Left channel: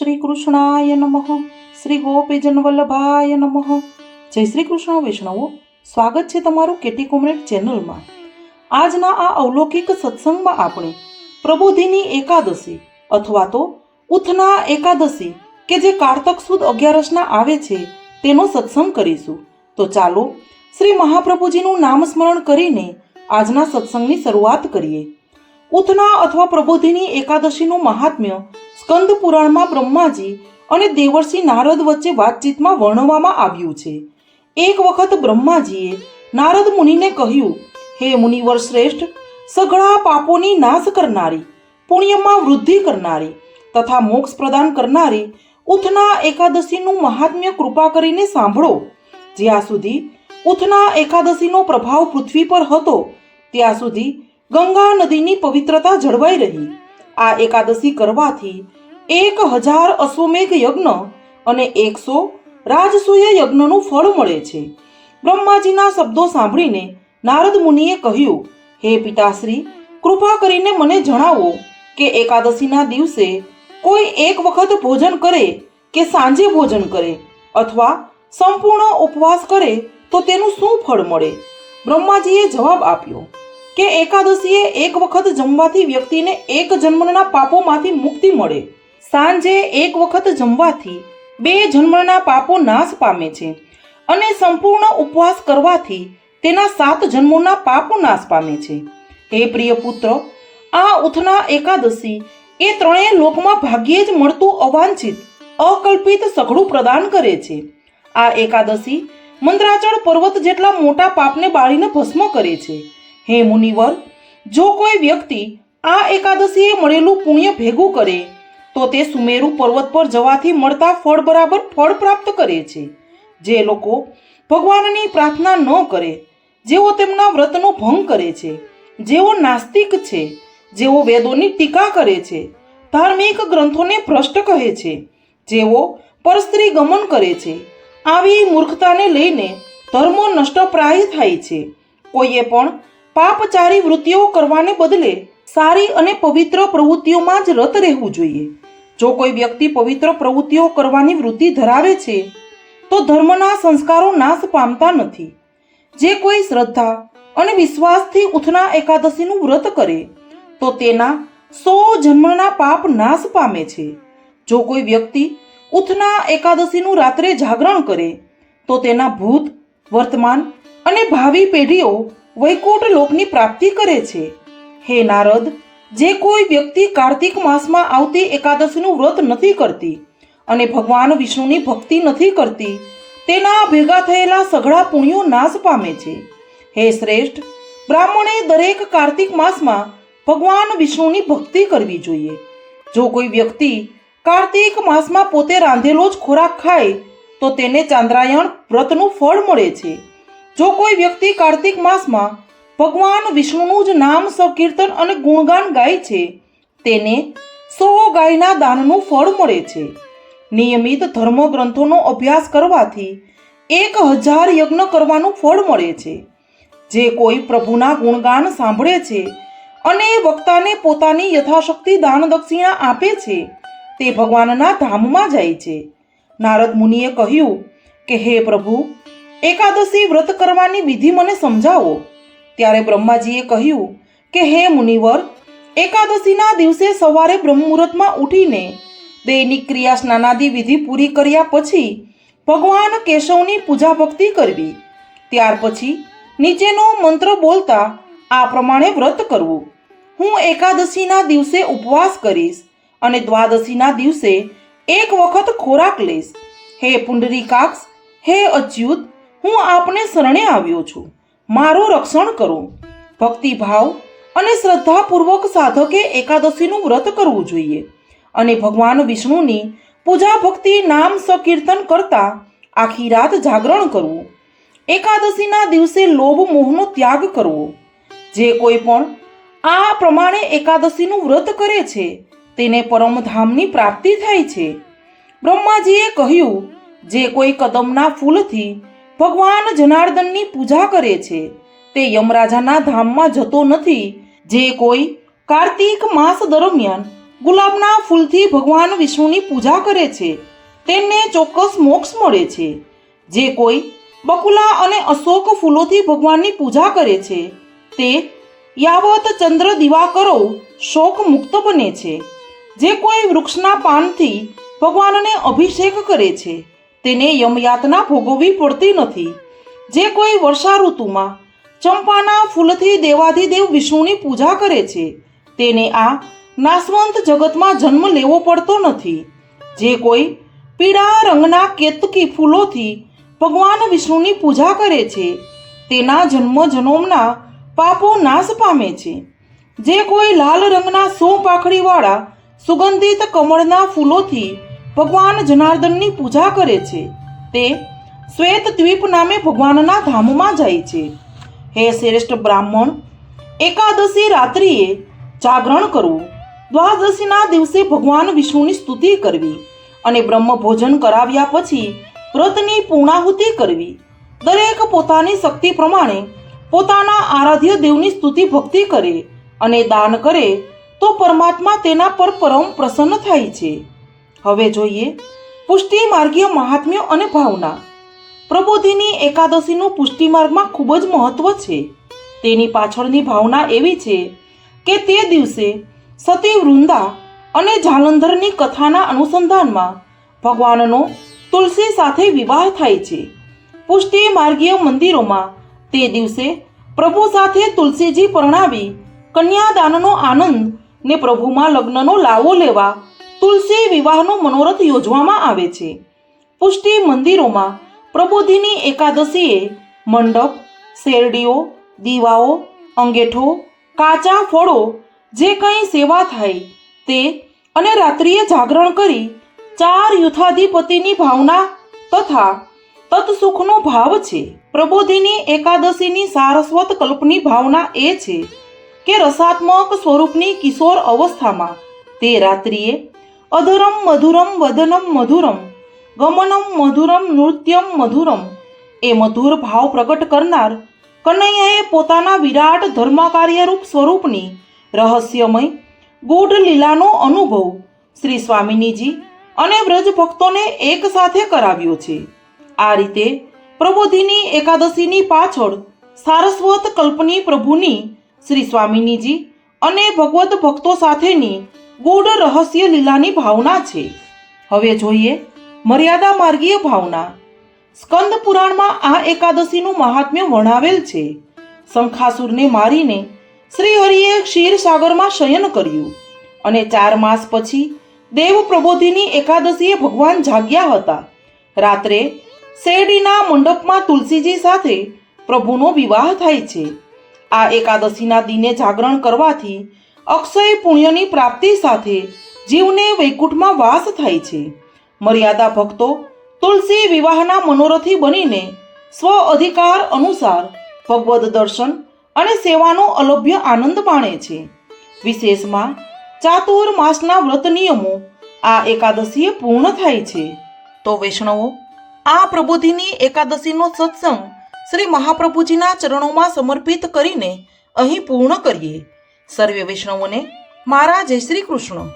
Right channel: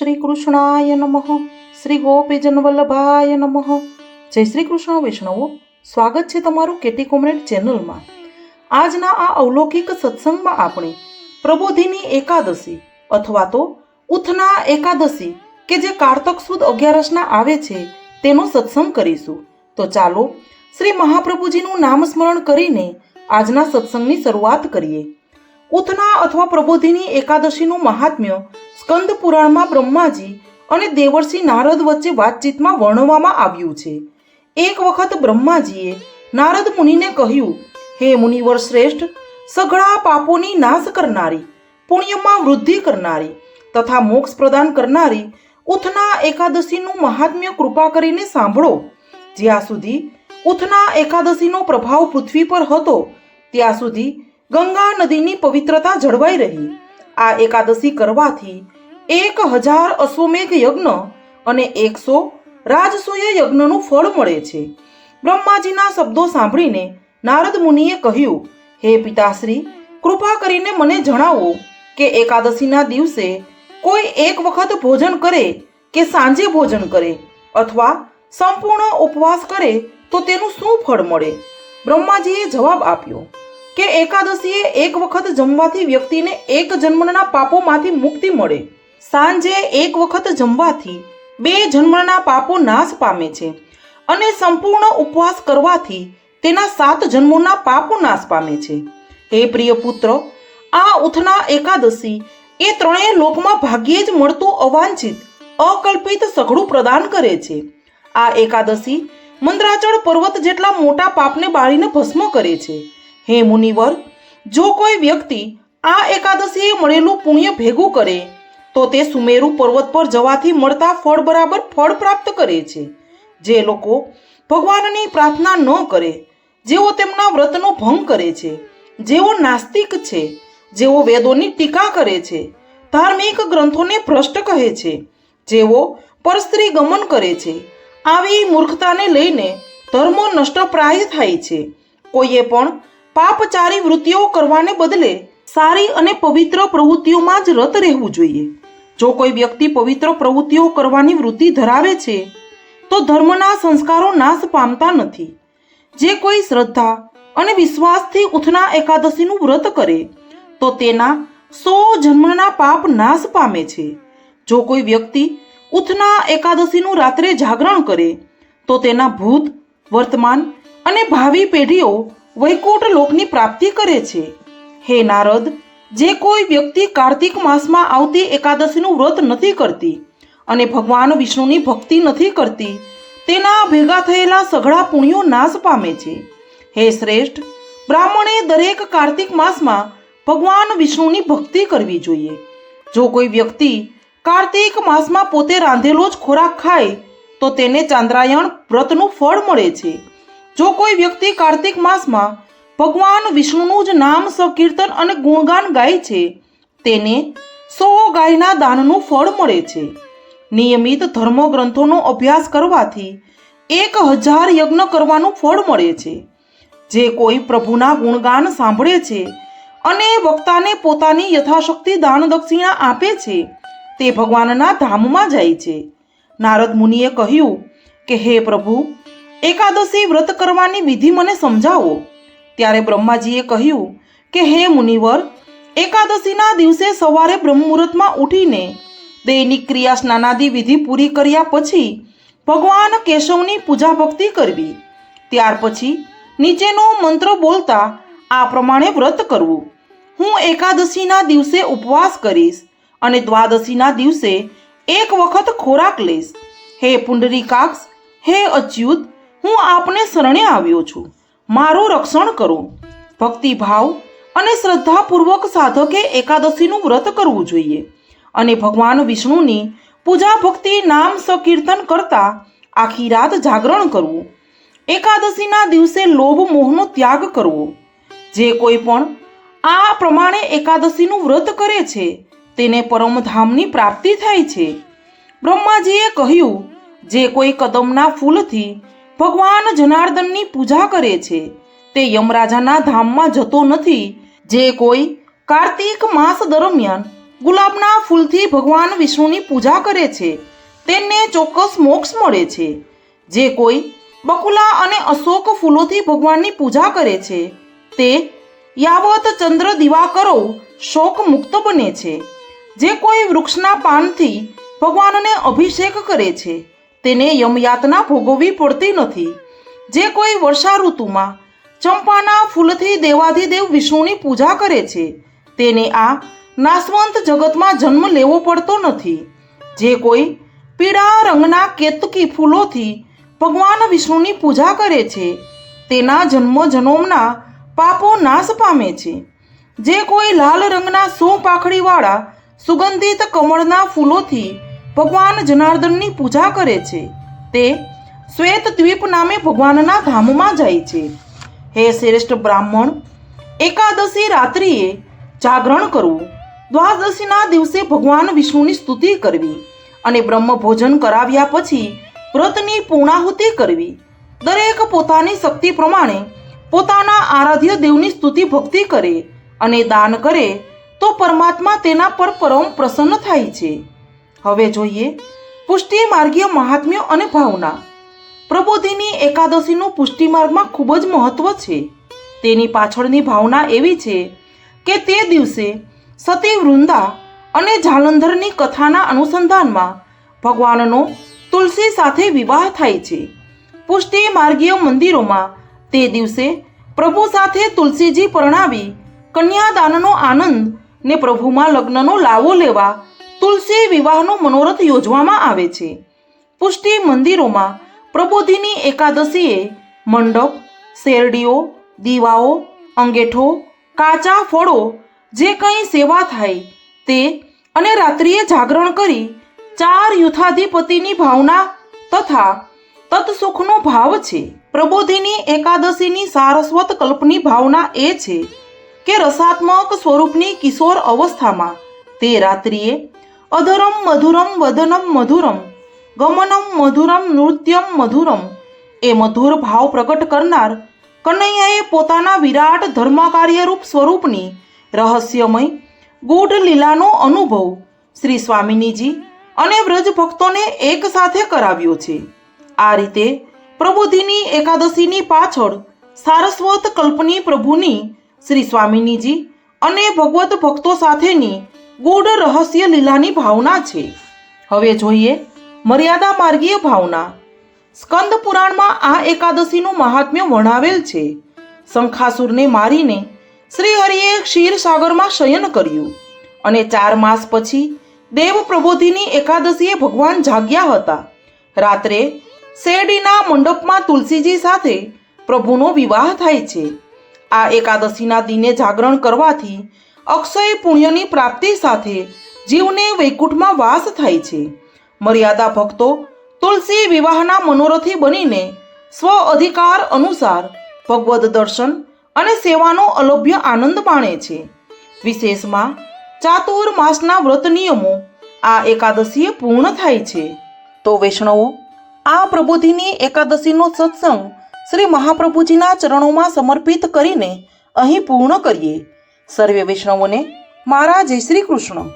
શ્રી કૃષ્ણાય નમઃ શ્રી ગોપીજન નમઃ જય શ્રી કૃષ્ણ વૈષ્ણવો સ્વાગત છે તમારું કેટી કોમરેડ ચેનલમાં. આજના આ અવલૌકિક સત્સંગમાં આપણે પ્રબોધિની એકાદશી અથવા તો ઉથના એકાદશી કે જે કારતક સુદ અગિયારસના આવે છે તેનો સત્સંગ કરીશું. તો ચાલો શ્રી મહાપ્રભુજીનું નામ સ્મરણ કરીને આજના સત્સંગની શરૂઆત કરીએ. ઉથના અથવા પ્રબોધિની એકાદશીનું મહાત્મ્ય સ્કંદ પુરાણમાં બ્રહ્માજી અને દેવર્ષિ નારદ વચ્ચે વાતચીતમાં વર્ણવવામાં આવ્યું છે. એક વખત બ્રહ્માજીએ નારદ મુનિને કહ્યું, હે મુનિવર શ્રેષ્ઠ, સઘળા પાપોની નાશ કરનારી, પુણ્યમાં વૃદ્ધિ કરનારી તથા મોક્ષ પ્રદાન કરનારી ઉથના એકાદશીનું મહાત્મ્ય કૃપા કરીને સાંભળો. જ્યાં સુધી ઉથના એકાદશીનો પ્રભાવ પૃથ્વી પર હતો, ત્યાં સુધી ગંગા નદીની પવિત્રતા જળવાઈ રહી. આ એકાદશી કરવાથી એક હજાર અશ્વમેઘ યજ્ઞ અને એકસો રાજસૂય યજ્ઞનું ફળ મળે છે. બ્રહ્માજીના શબ્દો સાંભળીને નારદ મુનિએ કહ્યું, હે પિતાશ્રી, કૃપા કરીને મને જણાવો કે એકાદશીના દિવસે કોઈ એક વખત ભોજન કરે કે સાંજે ભોજન કરે અથવા સંપૂર્ણ ઉપવાસ કરે તો તેનું શું ફળ મળે? બ્રહ્માજીએ જવાબ આપ્યો, કે એકાદશીએ એક વખત જમવાથી વ્યક્તિને એક જન્મના પાપોમાંથી મુક્તિ મળે. સાંજે એક વખત જમવાથી બે જન્મના પાપો નાશ પામે છે અને સંપૂર્ણ ઉપવાસ કરવાથી તેના સાત જન્મોના પાપો નાશ પામે છે. હે પ્રિય પુત્ર, આ ઉથના એકાદશી એ ત્રણેય લોકમાં ભાગ્યે જ મળતું અવાંછિત, અકલ્પિત સઘળું પ્રદાન કરે છે. આ એકાદશી મંદ્રાચળ પર્વત જેટલા મોટા પાપને બાળીને ભસ્મ કરે છે. હે મુનિવર, જો કોઈ વ્યક્તિ આ એકાદશીએ મળેલું પુણ્ય ભેગું કરે તો તે સુમેરુ પર્વત પર જવાથી મળતા ફળ બરાબર ફળ પ્રાપ્ત કરે છે. જે લોકો ભગવાનની પ્રાર્થના ન કરે, જેઓ તેમના વ્રતનો ભંગ કરે છે, જેઓ નાસ્તિક છે, જેઓ વેદોની ટીકા કરે છે, ધાર્મિક ગ્રંથોને ભ્રષ્ટ કહે છે, જેઓ પરસ્ત્રી ગમન કરે છે, આવી મૂર્ખતાને લઈને ધર્મો નષ્ટપ્રાય થાય છે. કોઈએ પણ પાપચારી વૃત્તિઓ કરવાને બદલે સારી અને પવિત્ર પ્રવૃત્તિઓમાં જ રત રહેવું જોઈએ. જો કોઈ વ્યક્તિ પવિત્ર પ્રવૃત્તિઓ કરવાની વૃત્તિ ધરાવે છે, તો ધર્મના સંસ્કારો નાશ પામતા નથી. જે કોઈ શ્રદ્ધા અને વિશ્વાસથી ઉથના એકાદશીનું વ્રત કરે, તો તેના સો જન્મના પાપ નાશ પામે છે. જો કોઈ વ્યક્તિ ઉથના એકાદશીનું રાત્રે જાગરણ કરે, તો તેના ભૂત, વર્તમાન અને ભાવિ પેઢીઓ વૈકુંઠ લોકની પ્રાપ્તિ કરે છે. હે નારદ, જે કોઈ વ્યક્તિ કાર્તિક માસમાં આવતી એકાદશીનું વ્રત નથી કરતી અને ભગવાન વિષ્ણુની ભક્તિ નથી કરતી, તેના ભેગા થયેલા સઘળા પુણ્યો નાશ પામે છે. હે શ્રેષ્ઠ, બ્રાહ્મણે દરેક કાર્તિક માસમાં ભગવાન વિષ્ણુની ભક્તિ કરવી જોઈએ. જો કોઈ વ્યક્તિ કાર્તિક માસમાં પોતે રાંધેલો જ ખોરાક ખાય, તો તેને ચાંદ્રાયણ વ્રતનું ફળ મળે છે. જો કોઈ વ્યક્તિ કાર્તિક માસમાં ભગવાન વિષ્ણુનું જ નામ સંકીર્તન અને ગુણગાન ગાય છે. તેને સો ગાયના દાનનું ફળ મળે છે. નિયમિત ધર્મ ગ્રંથોનો અભ્યાસ કરવાથી એક હજાર યજ્ઞ કરવાનું ફળ મળે છે. જે કોઈ પ્રભુના ગુણગાન સાંભળે છે અને વક્તાને પોતાની યથાશક્તિ દાન દક્ષિણા આપે છે, તે ભગવાનના ધામમાં જાય છે. નારદ મુનિએ કહ્યું કે, હે પ્રભુ, એકાદશી વ્રત કરવાની વિધિ મને સમજાવો. ત્યારે બ્રહ્માજીએ કહ્યું કે, હે મુનિવર, એકાદશીના દિવસે સવારે બ્રહ્મુહૂર્તમાં ઉઠીને દૈનિક ક્રિયા સ્નાનાદિ વિધિ પૂરી કર્યા પછી ભગવાન કેશવની પૂજા ભક્તિ કરવી. ત્યાર પછી નીચેનો મંત્ર બોલતા આ પ્રમાણે વ્રત કરવું. હું એકાદશીના દિવસે ઉપવાસ કરીશ અને દ્વાદશીના દિવસે એક વખત ખોરાક લઈશ. હે પુંડરીકાક્ષ, હે અચ્યુત, હું આપને શરણે આવ્યો છું. મારું રક્ષણ કરું. ભક્તિભાવ અને શ્રદ્ધાપૂર્વક સાધકે એકાદશીનું વ્રત કરવું જોઈએ. અને ભગવાન વિષ્ણુની પૂજા ભક્તિ નામ સંકીર્તન કરતા આખી રાત જાગરણ કરવું. એકાદશીના દિવસે લોભ મોહનો ત્યાગ કરવો. જે કોઈ પણ આ પ્રમાણે એકાદશીનું વ્રત કરે છે, તેને પરમધામની પ્રાપ્તિ થાય છે. બ્રહ્માજીએ કહ્યું, જે કોઈ કદમના ફૂલથી ભગવાન જનાર્દનની પૂજા કરે છે. તે યમરાજાના ધામમાં જતો નથી. જે કોઈ કાર્તિક માસ દરમિયાન ગુલાબના ફૂલથી ભગવાન વિષ્ણુની પૂજા કરે છે, તેમને ચોક્કસ મોક્ષ મળે છે. જે કોઈ બકુલા અને અશોક ફૂલોથી ભગવાનની પૂજા કરે છે, તે યાવત ચંદ્ર દિવાકરો શોક મુક્ત બને છે. જે કોઈ વૃક્ષના પાનથી ભગવાનને અભિષેક કરે છે તેને યમયાતના ભોગવવી પડતી નથી. જે કોઈ વર્ષા ઋતુમાં ચંપાના ફૂલથી દેવાધિદેવ વિષ્ણુની પૂજા કરે છે, તેને આ નાશવંત જગતમાં જન્મ લેવો પડતો નથી. જે કોઈ પીળા રંગના કેતકી ફૂલોથી ભગવાન વિષ્ણુની પૂજા કરે છે, તેના જન્મ જન્મના પાપો નાશ પામે છે. જે કોઈ લાલ રંગના સો પાખડીવાળા સુગંધિત કમળના ફૂલોથી ભગવાન જનાર્દનની પૂજા કરે છે. તે શ્વેત દ્વીપ નામે ભગવાનના ધામમાં જાય છે. હે શ્રેષ્ઠ બ્રાહ્મણ, એકાદશી રાત્રિએ જાગરણ કરવું દ્વાદશીના દિવસે ભગવાન વિષ્ણુની સ્તુતિ કરવી અને બ્રહ્મ ભોજન કરાવ્યા પછી વ્રતની પૂર્ણાહુતિ કરવી. દરેક પોતાની શક્તિ પ્રમાણે પોતાના આરાધ્ય દેવની સ્તુતિ ભક્તિ કરે અને દાન કરે તો પરમાત્મા તેના પર પરમ પ્રસન્ન થાય છે. હવે જોઈએ. પુષ્ટિ માર્ગીય મહાત્મ્ય અને ભાવના. પ્રબોધિની એકાદશીનું પુષ્ટિ માર્ગમાં ખૂબ જ મહત્વ છે. તેની પાછળની ભાવના એવી છે કે તે દિવસે સતી વૃંદા અને જાલંધરની કથાના અનુસંધાનમાં ભગવાનનો તુલસી સાથે વિવાહ થાય છે. પુષ્ટિ માર્ગીય મંદિરોમાં તે દિવસે પ્રભુ સાથે તુલસીજી પરણાવી કન્યાદાનનો આનંદ ને પ્રભુમાં લગ્નનો લાવો લેવા તુલસી વિવાહનો મનોરથ યોજવામાં આવે છે. પુષ્ટિ મંદિરોમાં પ્રબોધિની એકાદશીએ મંડપ, શેરડીઓ, દીવાઓ, અંગેઠો, કાચા ફળો, જે કંઈ સેવા થાય તે અને રાત્રિએ જાગરણ કરી ચાર યુથાધિપતિની ભાવના તથા તત્સુખનો ભાવ છે. પ્રબોધિની એકાદશીની સારસ્વત કલ્પની ભાવના એ છે કે રસાત્મક સ્વરૂપની કિશોર અવસ્થામાં તે રાત્રિએ અધરમ મધુરમ વદનમ મધુરમ, ગમનમ મધુરમ નૃત્યમ મધુરમ. એ મધુર ભાવ પ્રગટ કરનાર કનૈયાએ પોતાના વિરાટ ધર્મકાર્યરૂપ સ્વરૂપની રહસ્યમય ગૂઢ લીલાનો અનુભવ શ્રી સ્વામિનીજી અને વ્રજ ભક્તોને એક સાથે કરાવ્યો છે. આ રીતે પ્રબોધિની એકાદશીની પાછળ સારસ્વત કલ્પની પ્રભુની શ્રી સ્વામિનીજી અને ભગવત ભક્તો સાથેની ગૂઢ રહસ્ય લીલાની ભાવના છે. હવે જોઈએ મર્યાદા માર્ગીય ભાવના. સ્કંદ પુરાણમાં આ એકાદશીનું મહાત્મ્ય વર્ણવેલ છે. શંખાસુરને મારીને શ્રી હરિએ ક્ષીરસાગરમાં શયન કર્યું અને ચાર માસ પછી દેવ પ્રબોધિની એકાદશીએ ભગવાન જાગ્યા હતા. રાત્રે શેરડીના મંડપમાં તુલસીજી સાથે પ્રભુનો વિવાહ થાય છે. આ એકાદશીના દિને જાગરણ કરવાથી અક્ષય પુણ્યની પ્રાપ્તિ સાથે જીવને વૈકુંઠમાં વાસ થાય છે. મર્યાદા ભક્તો તુલસી વિવાહના મનોરથી બનીને સ્વ અધિકાર અનુસાર ભગવદ દર્શન અને સેવાનો અલભ્ય આનંદ માણે છે. વિશેષમાં ચાતુર માસના વ્રત નિયમો આ એકાદશીએ પૂર્ણ થાય છે. તો વૈષ્ણવો, આ પ્રબોધિની એકાદશીનો સત્સંગ શ્રી મહાપ્રભુજીના ચરણોમાં સમર્પિત કરીને અહીં પૂર્ણ કરીએ. સર્વે વૈષ્ણવોને મારા જય શ્રી કૃષ્ણ.